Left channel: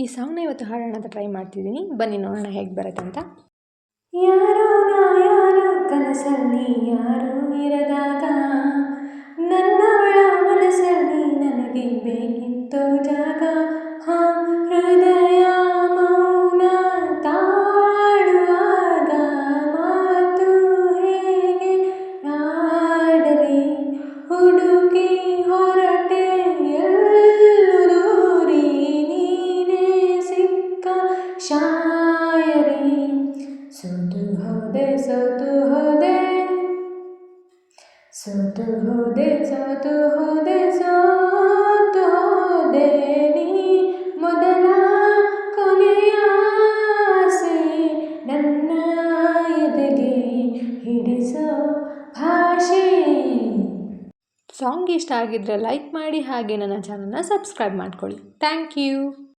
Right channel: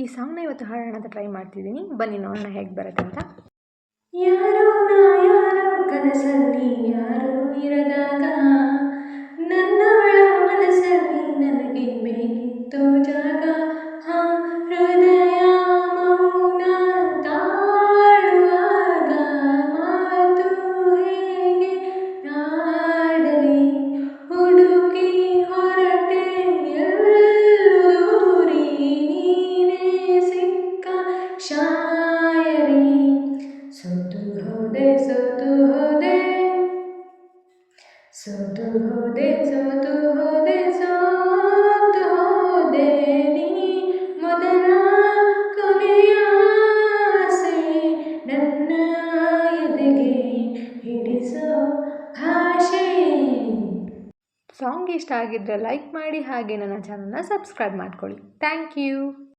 ಈ ಸಾಂಗ್ನ ಇವತ್ತು ಹಾಡೋಣ ಅಂತ ಟ್ರೈ ಮಾಡ್ತಿದ್ದೀನಿ. ಬನ್ನಿ ನೋಡೋಣ ಹೇಗೆ ಬರುತ್ತೆ ಅಂತ. ಯಾರೋ ಯಾರೋ ಕನಸಲ್ಲಿ ಯಾರೂ ಇರದಾಗ ನನ್ನವಳ ಮನಸ್ಸಲ್ಲಿ ನನಗೆ ಬೇಕಿತ್ತು ಜಾಗ. ಹೃದಯ ಮೌನ ತಾಳುವಾಗ ಮಾತು ಹೇಗೆ ಆಡಲಿ, ಹುಡುಕಿ ಹೊರಟೆ ಎಲ್ಲೂ ದೂರಿ ನೀನೇ ಸಿಕ್ಕ ಶಾಯರಿ. ಸೋತು ಹೋದೆ ಸೋತು ಹೋದೆ ಸೋತು ಹೋದೆ ಸೋತು ಹೋದೆ ಸೋತು ಹೋದೆ ನೀ ಮೊದಲ ಕೊನೆಯ ಆಸೆ ನನ್ನ ಎದೆಗೆ ಹಿಡಿಸೋ ಭಾಷೆ. ಸಾಂಗ್ ಇಷ್ಟ ಆಗಿದ್ದರೆ ಲೈಕ್ ಮಾಡಿ, ಹಾಗೆ ನನ್ನ ಚಾನಲ್ನ ಸಬ್ಸ್ಕ್ರೈಬ್ ಮಾಡ್ಕೊಳ್ಳಿ. Thank you.